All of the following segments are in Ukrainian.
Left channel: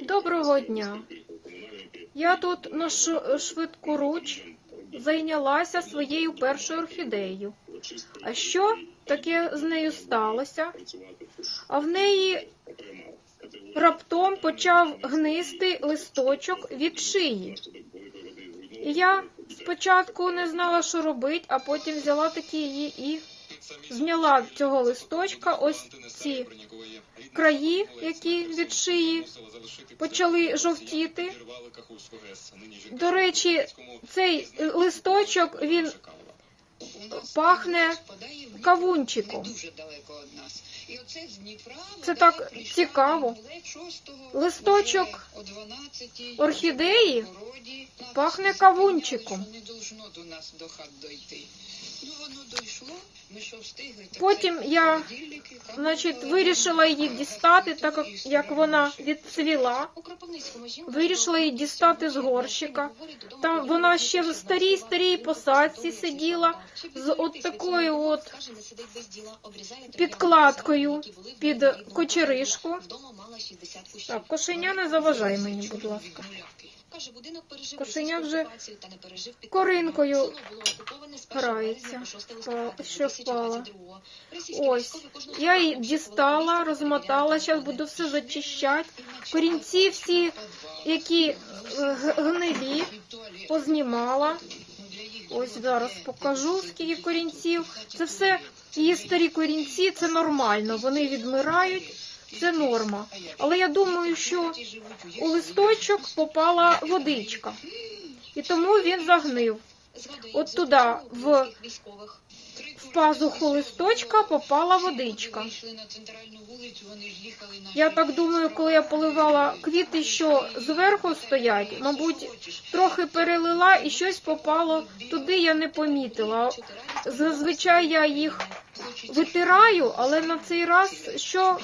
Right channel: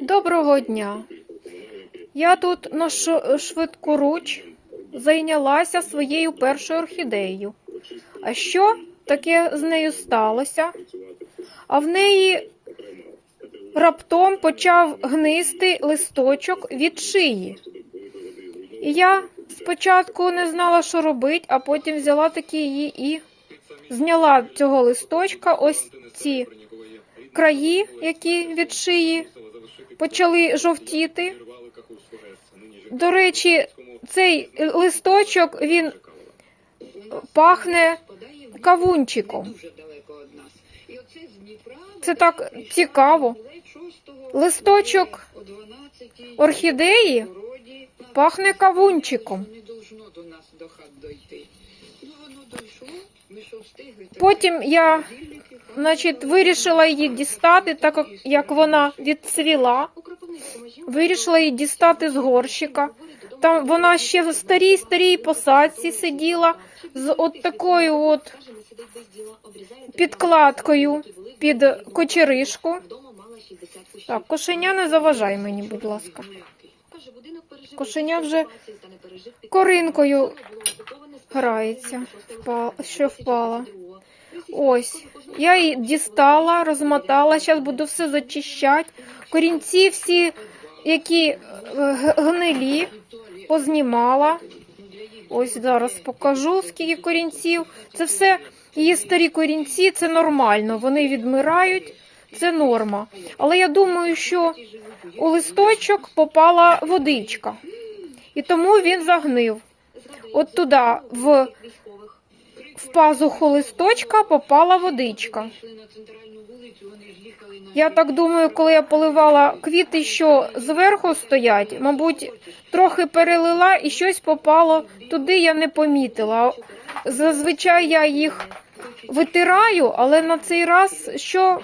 Доброго дня. Я тут на ш- швидку руч зайнялася своєю першою орхідеєю. А що таке з нею сталося? А в неї раптом почав гнисти листочок від шиї. І я спочатку не знала, що робити, а потім взяла такі її і зняла цього листочка ось ці краї, які від шиї почали жовтіти. До речі, цей листочок він пахне кавунчиком. Це так цікаво. Листочок орхідеї пахне кавунчиком. Потім я, значить, вирішила її дістати, так як- вона відцвіла. Вирішила її дістати з горщика. Там вона ще в старій старій посадці сиділа з от такою от підкладкою під кочеришку. Так, кошеня не заважай мені, будь ласка. Кошеня вже коринкою грається, що впала. Ось, я її дістала, розмотала, зараз буду все зачищати. Корінці всі, які е, гнилі, познімала. Ось зараз покажу, скільки корінців. Це все її старі корінці, це нормально. Вони відмирають, це норма. Але я думаю, що у листочок попала водичка, і тому він загнив. От туди, в, в пазуху листочка, попала водичка. Я так думаю, коли я поливала квіти, що зверху стоять, мабуть, трохи перелила і щось попало туди, я не помітила. Зазвичай я їх витираю, але на цей раз що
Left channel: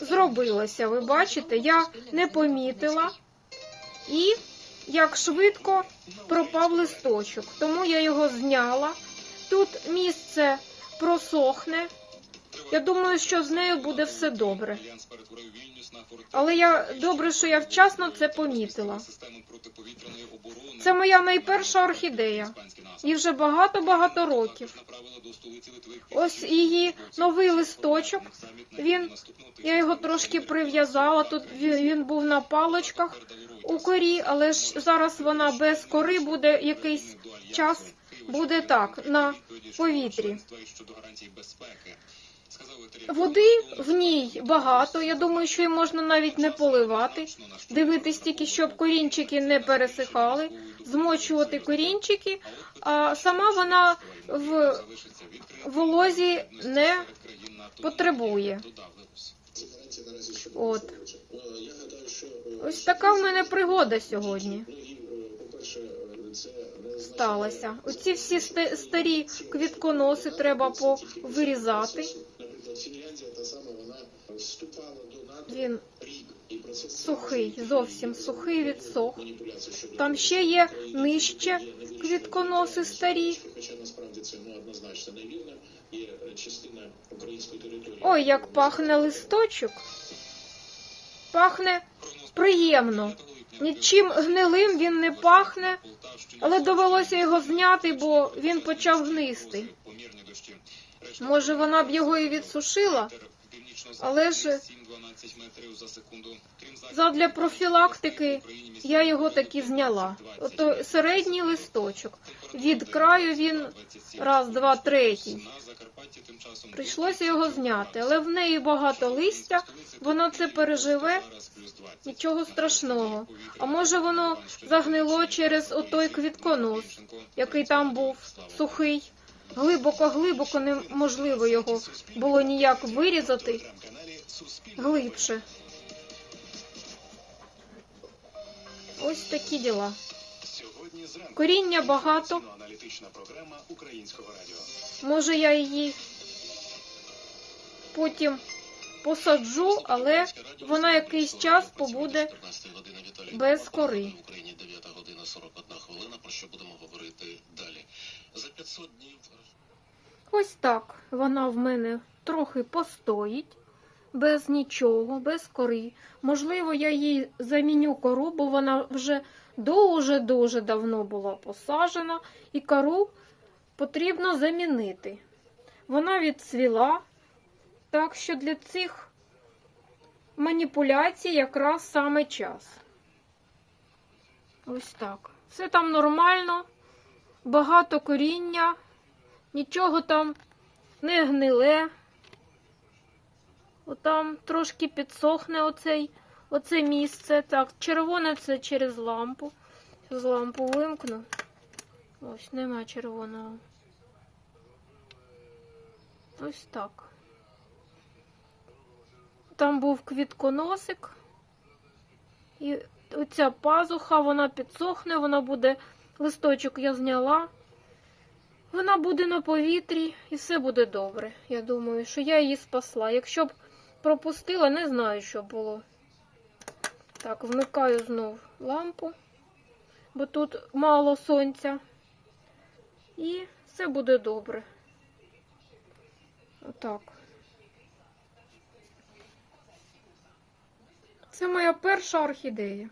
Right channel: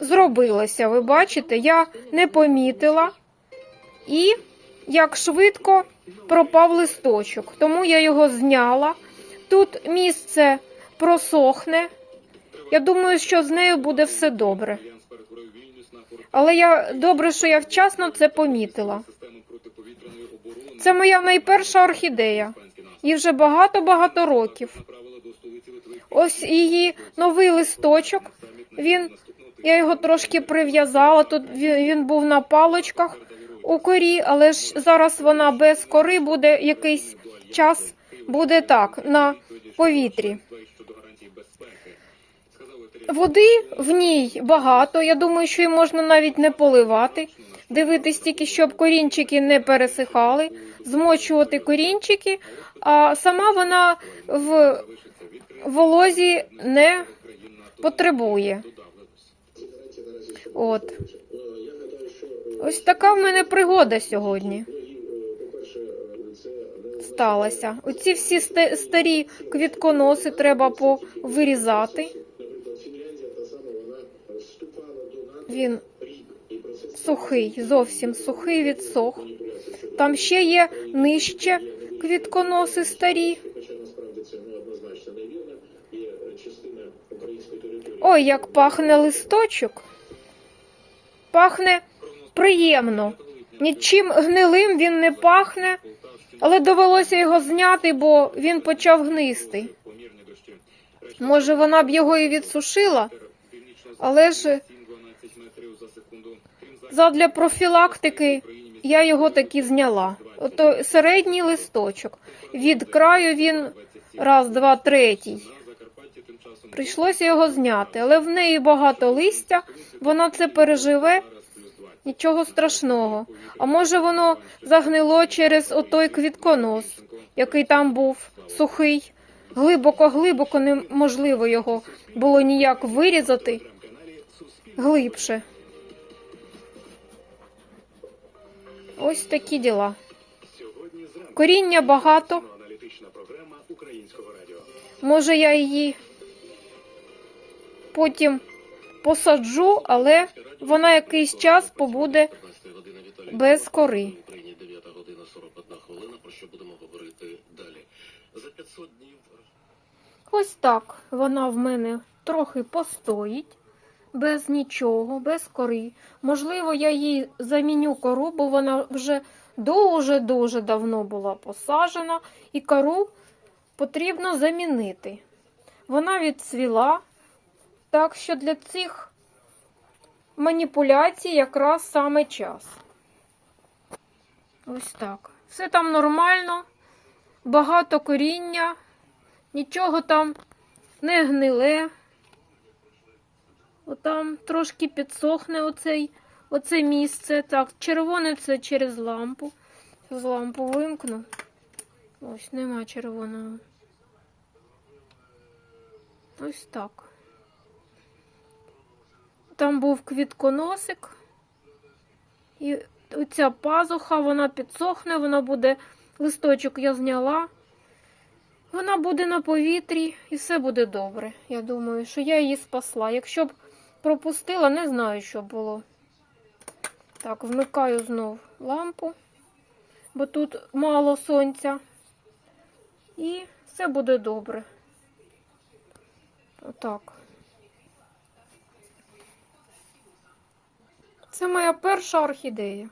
зробилося? Ви бачите, я не помітила і як швидко пропав листочок. Тому я його зняла. Тут місце просохне. Я думаю, що з нею буде все добре. Але я добре, що я вчасно це помітила. Це моя найперша орхідея. Їй вже багато-багато років. Ось її новий листочок. Він я його трошки прив'язала. Тут він, був на палочках у корі, але ж зараз вона без кори буде якийсь час буде так на повітрі. Води в ній багато. Я думаю, що її можна навіть не поливати. Дивитись тільки, щоб корінчики не пересихали, змочувати корінчики, а сама вона в волозі не потребує. От. Ось така в мене пригода сьогодні. Сталася. Оці всі ста- старі квітконоси треба повирізати. Він сухий, зовсім сухий відсох. Там ще є нижче квітконоси старі. Ой, як пахне листочок. Пахне приємно. Нічим гнилим він не пахне, але довелося його зняти, бо він почав гнисти. Може, вона б його і відсушила, але ж задля профілактики я його таки зняла. Ото середній листочок. Від краю він раз, два, третій. Прийшлося його зняти, але в неї багато листя, вона це переживе, нічого страшного. А може воно загнило через отой квітконос, який там був сухий. Глибоко-глибоко неможливо його було ніяк вирізати глибше. Ось такі діла. Коріння багато. Може, я її потім посаджу, але вона якийсь час побуде без кори. Україні 9 година 41 хвилина. Про що будемо говорити далі? За 500 днів Ось так вона в мене трохи постоїть. без нічого, без кори. Можливо, я їй заміню кору, бо вона вже дуже-дуже давно була посаджена, і кору потрібно замінити. Вона відцвіла, так що для цих маніпуляцій якраз саме час. Ось так. Все там нормально, багато коріння, нічого там не гниле. Отам трошки підсохне оцей, оце місце. Так, червоне це через лампу. З лампу вимкну. Ось, нема червоного. Ось так. Там був квітконосик. І оця пазуха, вона підсохне, вона буде, листочок я зняла. Вона буде на повітрі і все буде добре. Я думаю, що я її спасла. Якщо б пропустила, не знаю, що було. Так, вмикаю знов лампу, бо тут мало сонця. І все буде добре. Отак. Це моя перша орхідея.